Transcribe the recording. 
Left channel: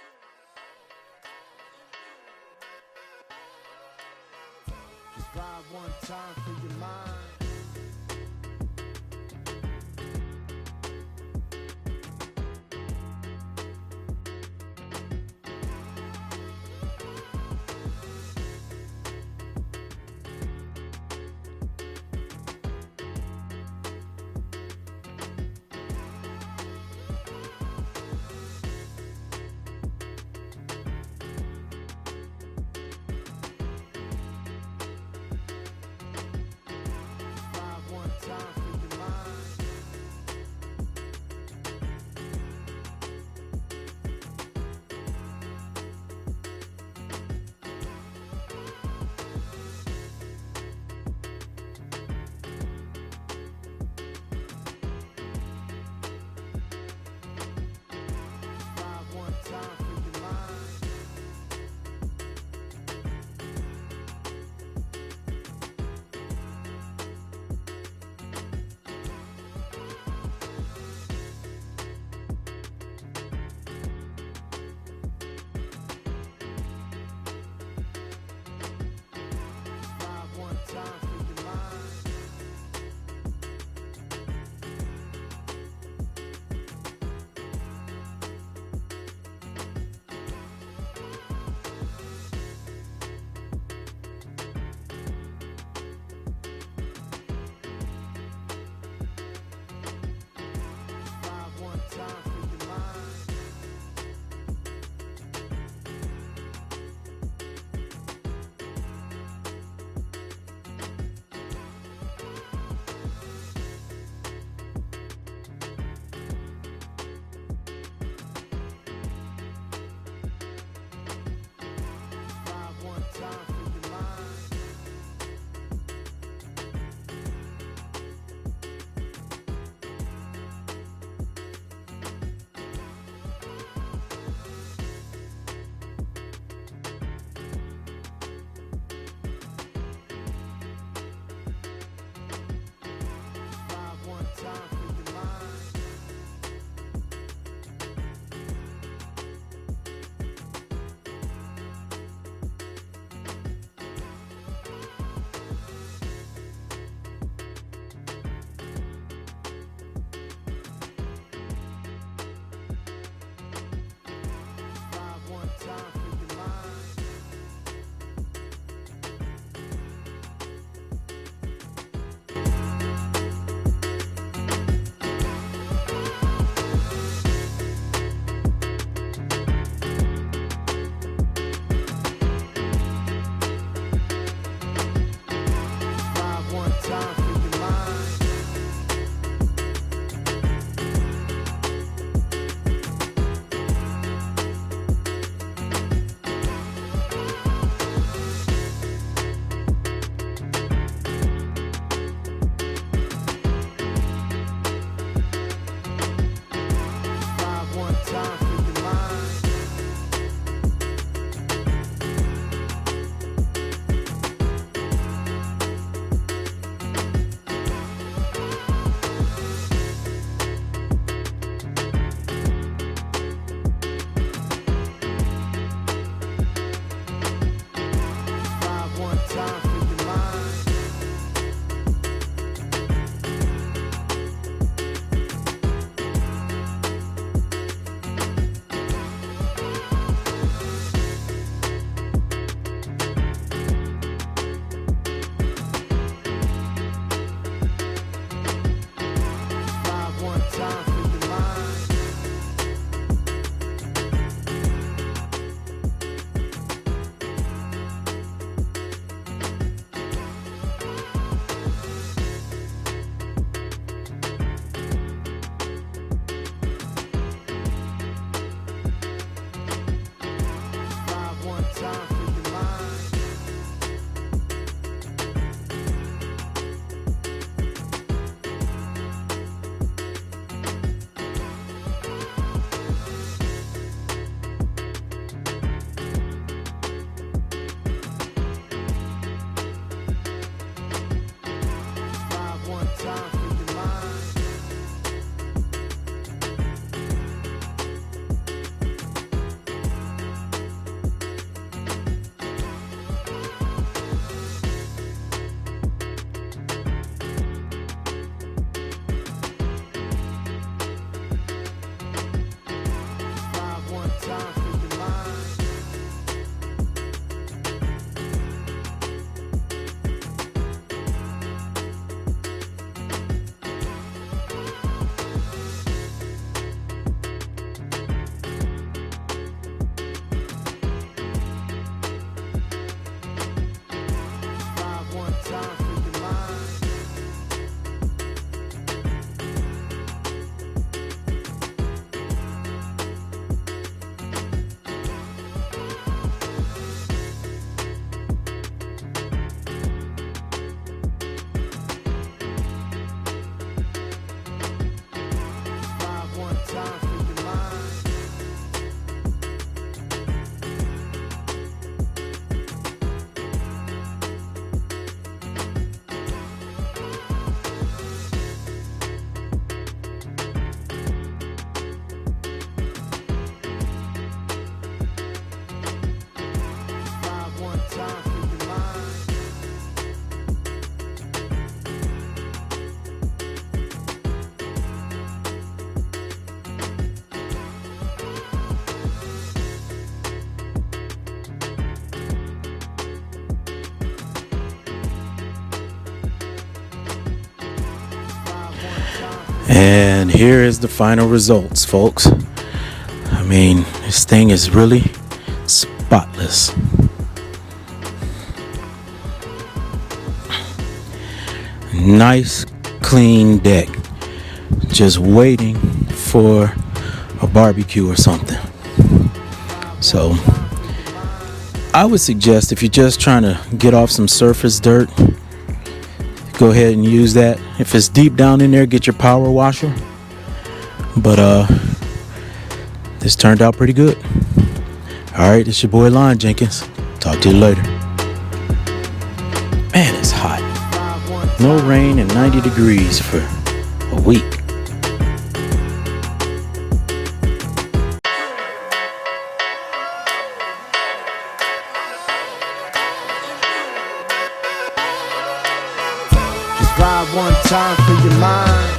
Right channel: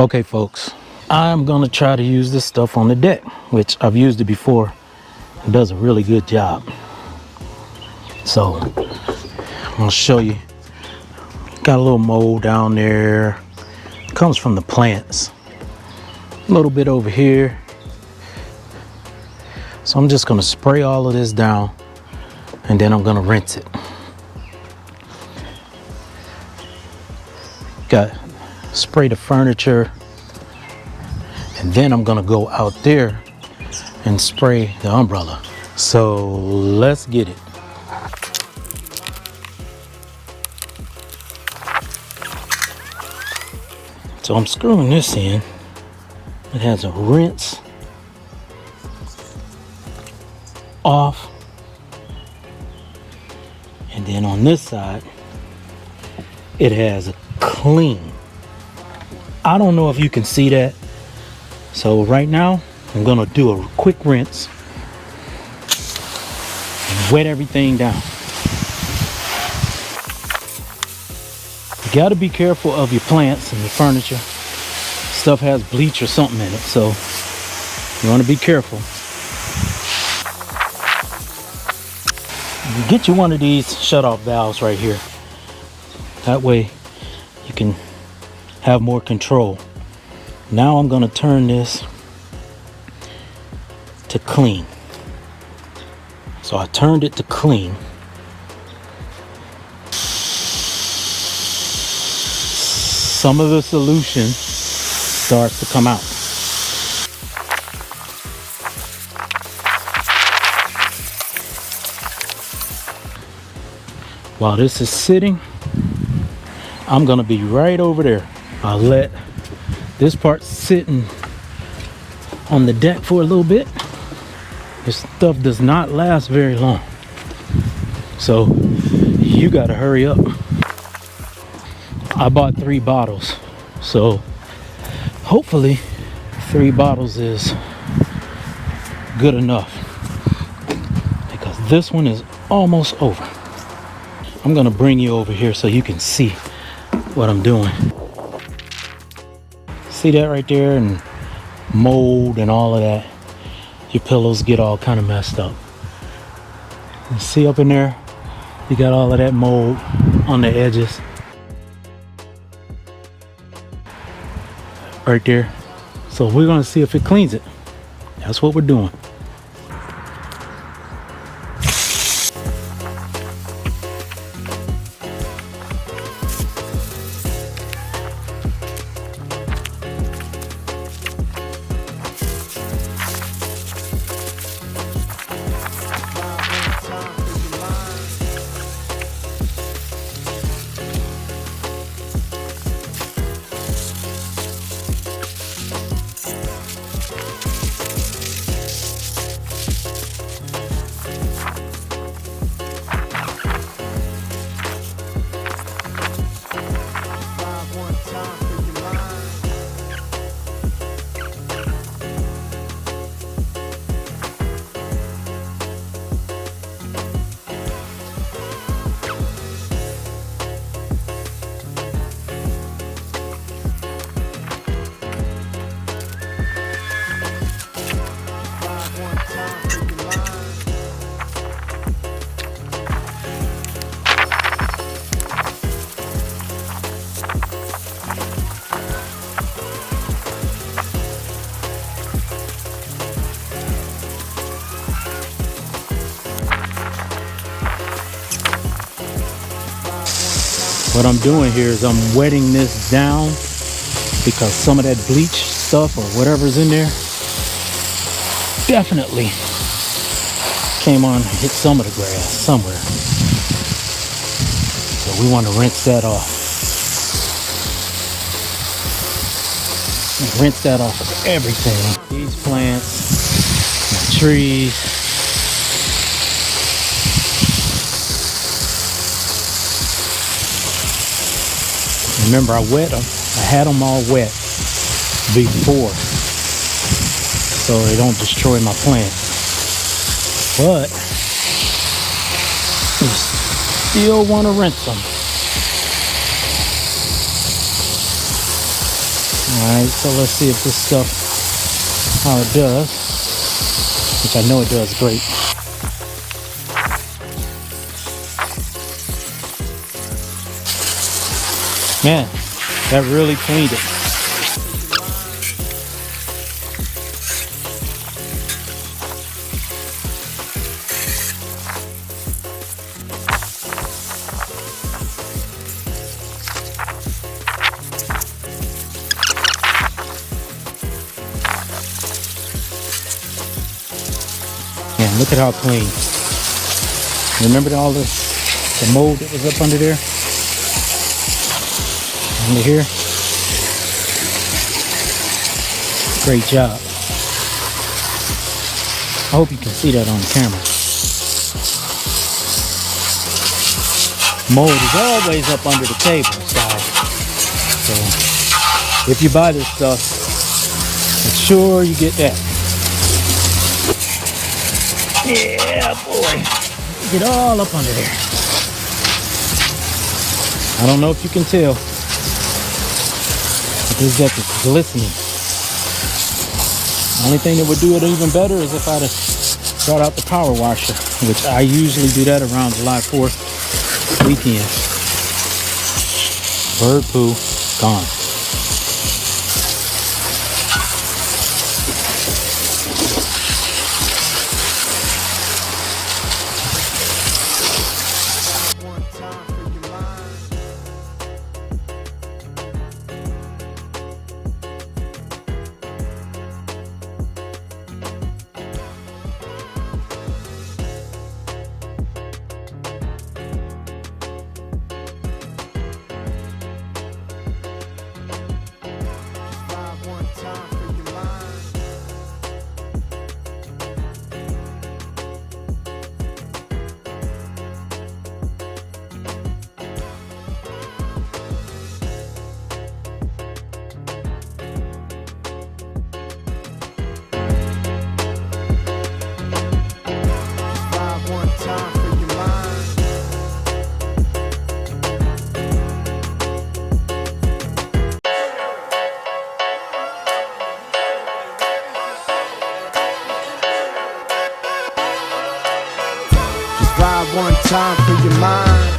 Okay, folks, I'm gonna try to use this stuff on the deck, which I've used it before. It does a really good job. So I'm gonna show you. Got a little mold down there. Comes from the plants. A little bit over here. So I'm just gonna spray all of this down and then I'm gonna rinse it. Spray the furniture, and then I'm gonna go out there and spray the umbrella. So let's get it. So I'm screwing this in. It has a rinse off, and then on this side it has a clean. I don't know if you can see that. So right now I'm gonna do a quick rinse and wet everything down. You gotta be careful of your plants and your furniture. Stuff has bleach or something in it, so you wanna be careful. Get you one of these shut-off valves right here. That way you can have more control. Now I'm gonna turn this to clean. So I turned it to clean. Some of the solution starts to come out. While this is sitting, I'm gonna be right over there. I'll let this part sitting on the deck for a little bit. This stuff does not last very long, so you gotta hurry up. I bought 3 bottles, so hopefully 3 bottles is good enough, because this one is almost over. I'm gonna bring you over here so you can see what I'm doing. See that right there, and mold and all of that. Your pillows get all kind of messed up. You see up in there, you got all of that mold on the edges. Right there. So we're gonna see if it cleans it. That's what we're doing. What I'm doing here is I'm wetting this down, because some of that bleach stuff or whatever's in there definitely came on, hit some of the grass somewhere. So we want to rinse that off. Rinse that off of everything. These plants, trees. Remember, I wet them. I had them all wet before, so they don't destroy my plants. But you still want to rinse them. Alright, so let's see if this stuff, how it does. Which I know it does great. Man, that really cleaned it. Man, look at how clean. Remember all the mold that was up under there? Under here? Great job. I hope you can see that on camera. Mold is always up under the table, so if you buy this stuff, make sure you get that. Yeah, boy. Get all up under there. I don't know if you can tell, but this stuff is glistening. The only thing that would do it even better is if I'd have brought out the power washer, which I usually do that around July 4th weekend. Bird poo, gone. And here is the final results, folks. I mean, this thing is really spotless. Nice, clean deck. Just waiting for a barbecue or something. So, I would suggest if you're just trying to get off some surface dirt, go ahead and use that. If it's deep down in there, get your power washer. But this turned out pretty good. Alright, it's your boy Lon Jenkins. Talk to you later. Man, it's hot. No rain and 90 degrees for a week. Ride one time for your mind.